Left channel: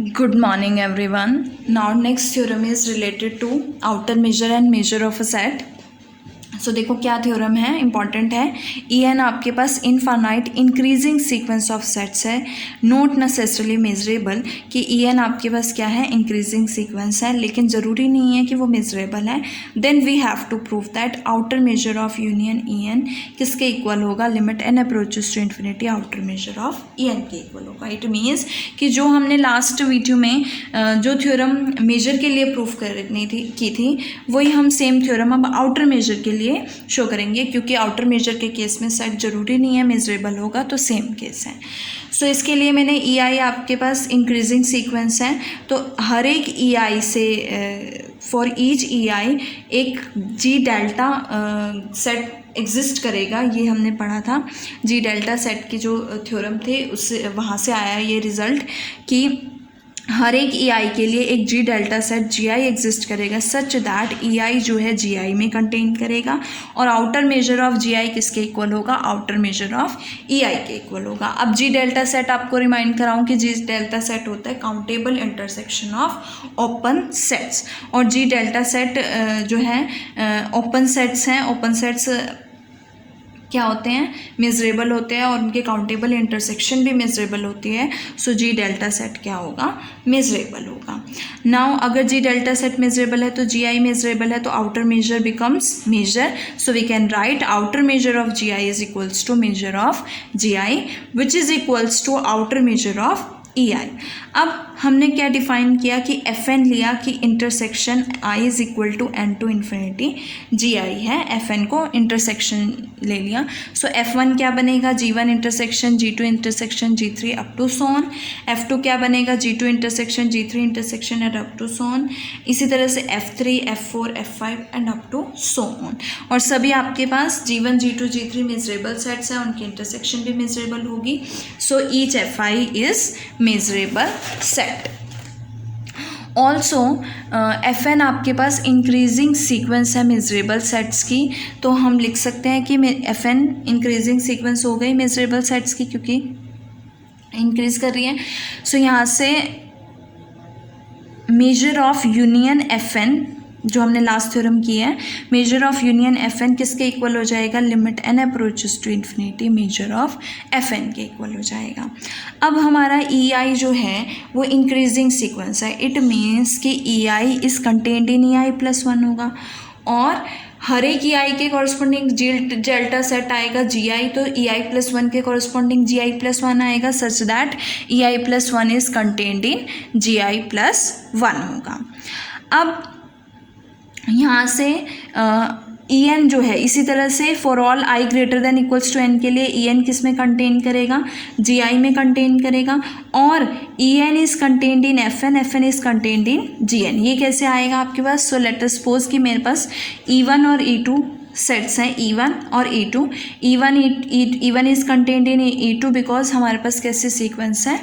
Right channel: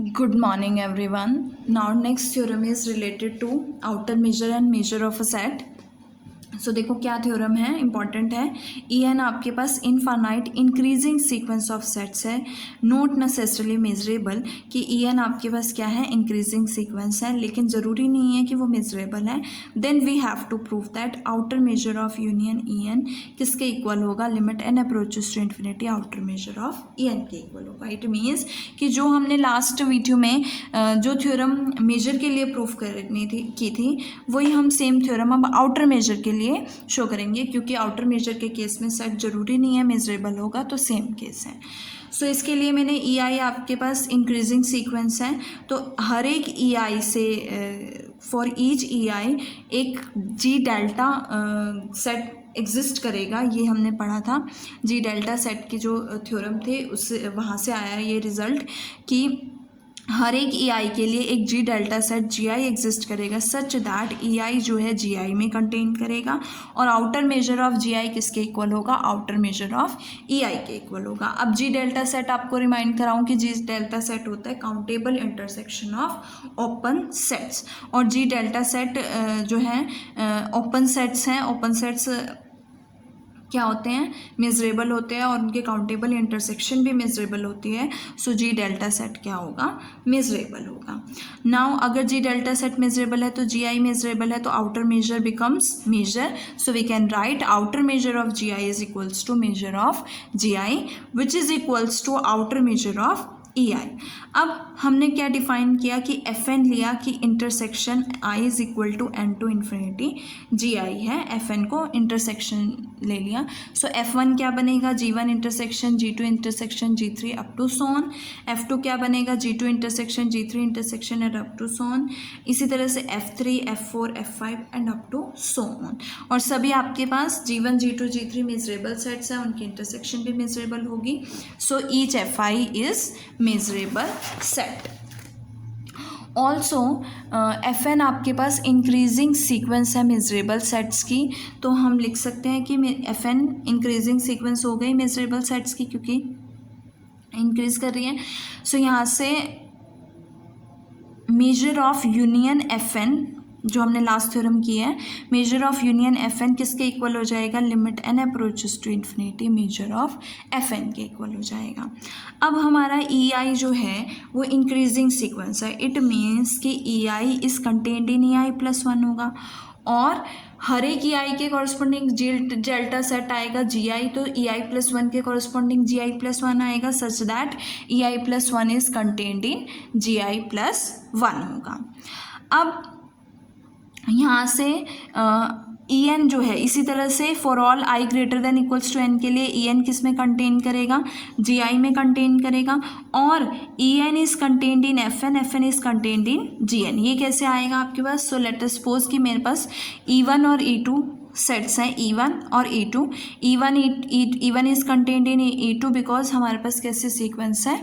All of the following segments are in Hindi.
Good morning everyone. Now next theorem is related to outer measure and measure of a set. सो देखो क्या थ्योरम है, इंपॉर्टेंट है. ई एन आपके पास infinite increasing sequence of sets है, नॉट नेसेसरली मेजरेबल. कि ई एन आपके पास क्या है, इंक्रीजिंग सीक्वेंस है, लेकिन ज़रूरी नहीं है कि वो मेजरेबल है. Then we have to prove that outer measure of union E N किसके इक्वल होगा, limit N approaches to infinity outer measure of E N के इक्वल होगा. इट मीन्स कि जो हमने लास्ट वीडियो में जो थ्योरम मेजर के लिए प्रूफ करनी की थी वही हम सेम थ्योरम अब आउटर मेजर के लिए शो करेंगे, क्योंकि आउटर मेजर के केस में सेट जरूरी नहीं है मेजरेबल होगा, तो सेम केस है. सो इसके लिए मैंने ई आई आपके पास इंक्रीजिंग सीक्वेंस है, तो हर एक ई आई से फॉर ईच ई आई एक जी डेल्टा सेट एग्जिस्ट करेगा. ये हमने पढ़ा था, जी डेल्टा सेट की जो थ्योरम थे उससे वहाँ से आया ये रिजल्ट कि हर एक ई आई के लिए एक G delta set G i exist करेगा सच दैट ई आई जो है जी आई में कंटेन करेगा. और आउटर मेजर ऑफ जी आई किसके इक्वल होगा, आउटर मेजर ऑफ ई आई के इक्वल होगा. अब जी डेल्टा सेट आपको रिमाइंड कराऊं कि जी डेल्टा सेट होता है countable intersection of open sets, और जी डेल्टा सेट जो है ओपन सेट्स हैं. ओपन सेट्स क्या होते हैं, मेजरेबल होते हैं, और उनके काउंटेबल इंटरसेक्शन भी मेजरेबल होती है. सो जी डेल्टा सेट क्या होगा, मेजरेबल होगा. नाउ अगर जी डेल्टा सेट मेजरेबल है तो जी आई मेजरेबल है, तो outer measure becomes measure. So we can write outer measure of G i is equals to measure of G i which is equals to outer measure of E i. अब हमने क्या डिफाइन किया कि एफ एन लिया कि intersection i is equal to n to infinity G i है, एफ एन को इंटरसेक्शन ले लिया. सो एफ वन क्या बनेगा, G one intersection G two intersection G three up to so on. F two क्या बनेगा, G two intersection G three intersection and up to so on. इसी तरह से F three F four F five and up to so on. और सभी आपके पास G one G two G three measurable sets हैं, उनकी इंटरसेक्शन भी मेजरेबल होगी. So each F i is measurable set. Also F N आपके पास इंक्रीजिंग सीक्वेंस है मेजरेबल सेट्स की, तो हम लिख सकते हैं कि एफ एन इंक्रीजिंग सीक्वेंस हो गई मेजरेबल सेट्स की, क्योंकि इंक्रीज कर रही है. सो यहाँ से measure of union F n जो हमने लास्ट थ्योरम की है, measure of union F n किसके इक्वल हो जाएगा, limit N approaches to infinity measure of F N के इक्वल हो जाएगा. अब हमारा ई आई जो है वो इंक्रीजिंग सीक्वेंस है. इट मीन्स कि E i is contained in E I plus one होगा, और हर एक ई आई के कॉरस्पॉन्डिंग जी डेल्टा सेट आएगा जी आई, तो ई आई प्लस वन के corresponding G I plus one आएगा such that E I plus one is contained in G I plus one होगा. अब यहाँ से ई एन जो है इसी तरह से for all I greater than equals to N के लिए ई एन किस में कंटेन करेगा, जी आई में कंटेन करेगा. और E N is contained in F N is contained in G N. ये कैसे आएगा आपके पास, सो लेट अस सपोज कि मेरे पास ई वन और ई टू सेट्स हैं, ई वन और E two. E one is contained in E two because हमारे पास कैसे सीक्वेंस है,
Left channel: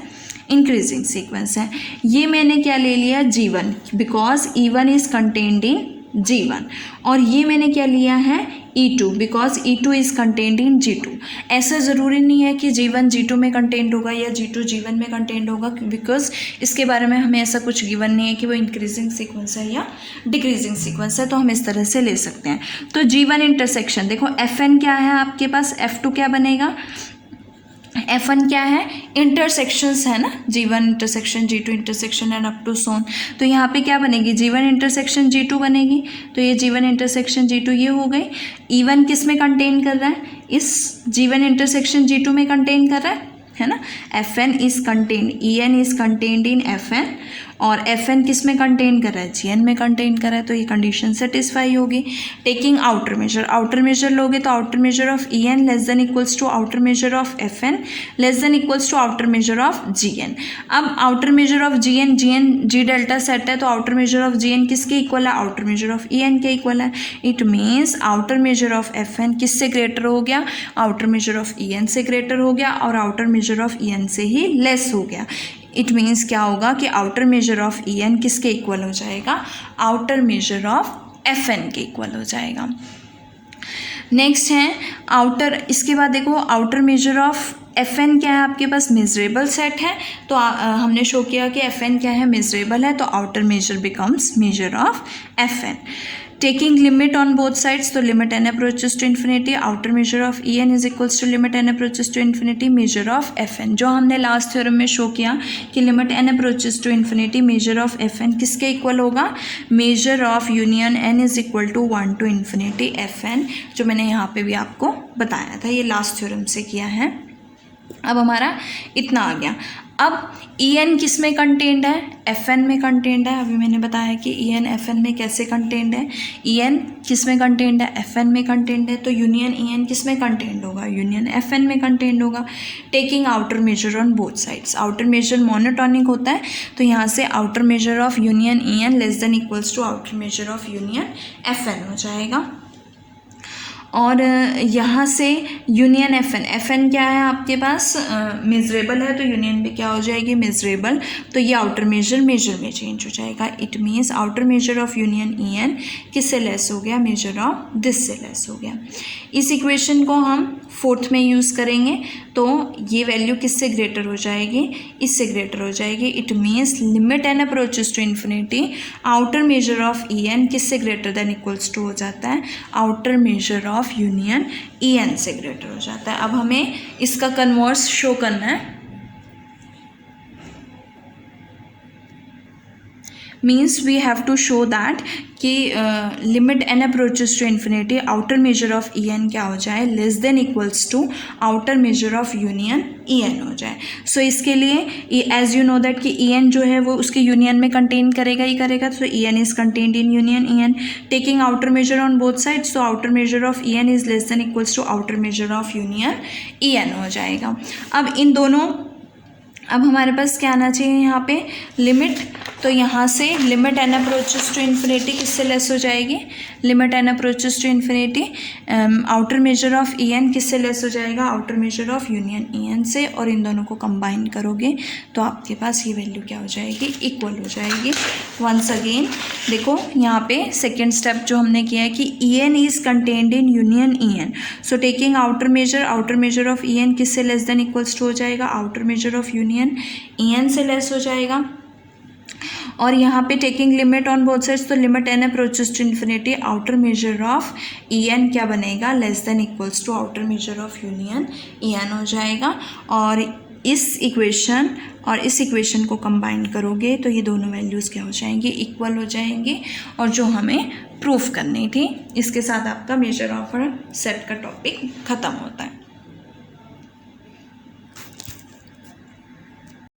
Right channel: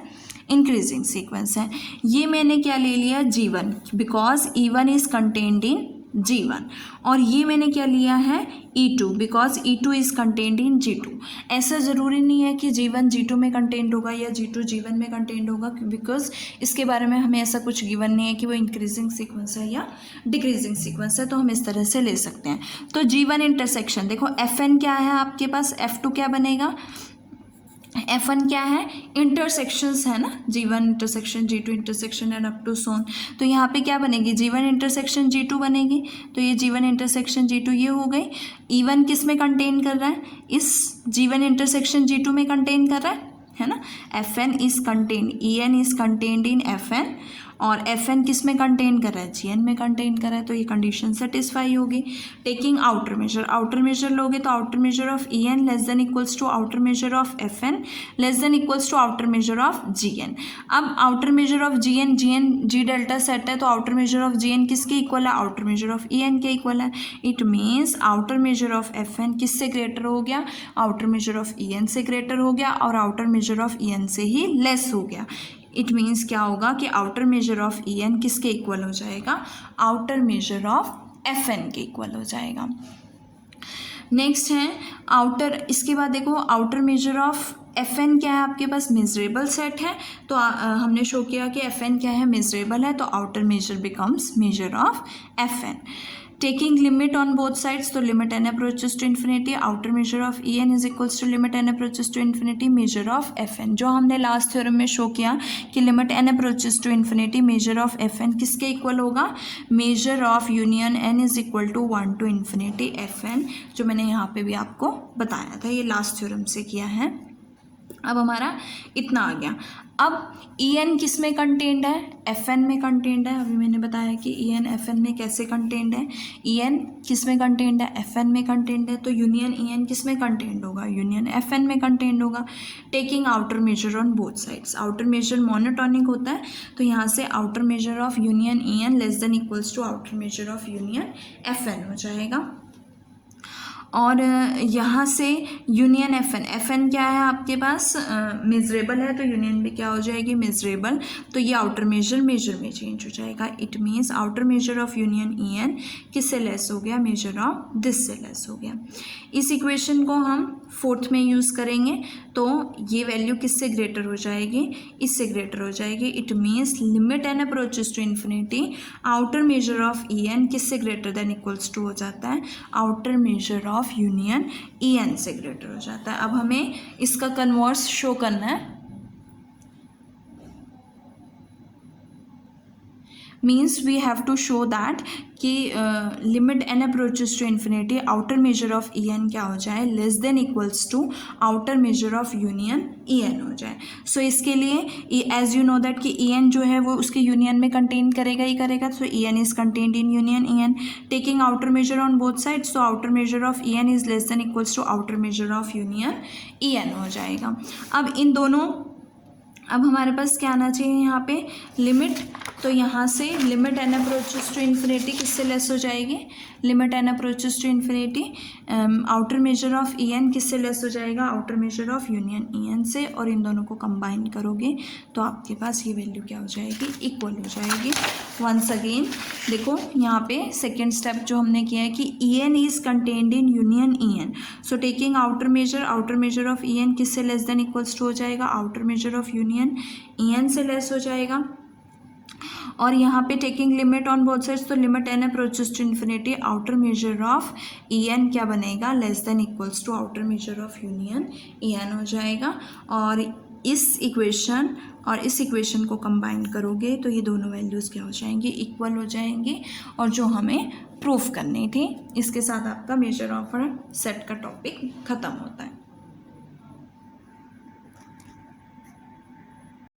इंक्रीजिंग सीक्वेंस है. ये मैंने क्या ले लिया, G one, because E one is contained in G one. और ये मैंने क्या लिया है, E two, because E two is contained in G two. ऐसा ज़रूरी नहीं है कि जी वन जी टू में कंटेंट होगा या जी टू जी वन में कंटेंट होगा, बिकॉज इसके बारे में हमें ऐसा कुछ गिवन नहीं है कि वो इंक्रीजिंग सीक्वेंस है या डिक्रीजिंग सीक्वेंस है, तो हम इस तरह से ले सकते हैं. तो जी वन इंटरसेक्शन देखो एफ एन क्या है आपके पास, एफ टू क्या बनेगा, एफ वन क्या है, इंटरसेक्शंस है ना, G one intersection G two intersection and up to so on. तो यहाँ पे क्या बनेगी, G one intersection G two बनेगी, तो ये G one intersection G two ये हो गई. ई वन किस में कंटेन कर रहा है, इस G one intersection G two में कंटेन कर रहा है ना. F N is contained, E N is contained in F N, और एफ एन किस में कंटेन कर रहा है, जी एन में कंटेन कर रहा है, तो ये कंडीशन सेटिस्फाई होगी. टेकिंग आउटर मेजर लोगे तो outer measure of E n less than equals to outer measure of F n less than equals to outer measure of G n. अब outer measure of G n G delta set है, तो outer measure of G n किसके इक्वल है, outer measure of E N के इक्वल है. It means outer measure of F n किससे ग्रेटर हो गया, outer measure of E N से ग्रेटर हो गया, और outer measure of E N से ही लेस हो गया. इट मीन्स क्या होगा कि outer measure of E N किसके इक्वल हो जाएगा, outer measure of F N के इक्वल हो जाएगा. नेक्स्ट है आउटर, इसके बाद देखो आउटर मेजर ऑफ Fn क्या है आपके पास, मेजरेबल सेट है, तो हमने शो किया कि Fn क्या है, मेजरेबल है, तो outer measure becomes measure of Fn. Taking limit on both sides, तो limit n approaches to infinity, outer measure of En is equals to limit n approaches to infinity measure of Fn. जो हमने लास्ट थ्योरम में शो किया कि limit n approaches to infinity measure of Fn किसके इक्वल होगा, measure of union n is equal to 1 to infinity Fn, जो मैंने यहाँ पे भी आपको बताया था, ये लास्ट थ्योरम से किया है. अब हमारा इतना आ गया. अब En किस में कंटेंड है, Fn में कंटेंड है. अभी मैंने बताया कि En Fn में कैसे कंटेंड है. En किस में कंटेंड है, Fn में कंटेंड है, तो यूनियन En किस में कंटेंड होगा, यूनियन Fn में कंटेंड होगा. Taking outer measure on both sides, outer measure monotonic होता है, तो यहाँ से outer measure of union En less than equals to outer measure of union Fn हो जाएगा. और यहाँ से यूनियन Fn क्या है आपके पास, मेजरेबल है, तो यूनियन भी क्या हो जाएगी, मेजरेबल, तो ये आउटर मेजर में चेंज हो जाएगा. It means outer measure of union En किससे लेस हो गया, मेजर ऑफ दिस से लेस हो गया. इस इक्वेशन को हम फोर्थ में यूज़ करेंगे, तो ये वैल्यू किससे ग्रेटर हो जाएगी, इससे ग्रेटर हो जाएगी. It means limit n approaches to infinity, outer measure of En किससे ग्रेटर देन इक्वल्स टू हो जाता है, outer measure of union En से ग्रेटर हो जाता है. अब हमें इसका कन्वर्स शो करना है. Means we have to show that कि limit n approaches to infinity, outer measure of En क्या हो जाए, less than equals to outer measure of union En हो जाए. सो इसके लिए एज यू नो दैट कि En जो है वो उसके यूनियन में कंटेन करेगा ही करेगा, तो En is contained in union En. Taking outer measure on both sides, तो outer measure of En is less than equals to outer measure of union En हो जाएगा. अब इन दोनों, अब हमारे पास क्या आना चाहिए यहाँ पे, लिमिट, तो यहाँ से limit n approaches to infinity किससे लेस हो जाएगी, limit n approaches to infinity, outer measure of En किससे लेस हो जाएगा, outer measure of union En से, और इन दोनों को कंबाइन करोगे तो आपके पास ये वैल्यू क्या हो जाएगी, इक्वल हो जाएगी. वंस अगेन देखो यहाँ पे सेकेंड स्टेप जो हमने किया है कि En is contained in union En, so taking outer measure of En किससे लेस देन इक्वल्स टू हो जाएगा, outer measure of union En से लेस हो जाएगा. और यहाँ पे taking limit on both sides, तो limit n approaches to infinity, outer measure of En क्या बनेगा, less than equals to outer measure of union En हो जाएगा. और इस इक्वेशन को कंबाइन करोगे तो ये दोनों वैल्यूज़ क्या हो जाएंगी, इक्वल हो जाएंगी. और जो हमें प्रूफ करनी थी, इसके साथ आपका मेजर ऑफ सेट का टॉपिक ख़त्म होता है.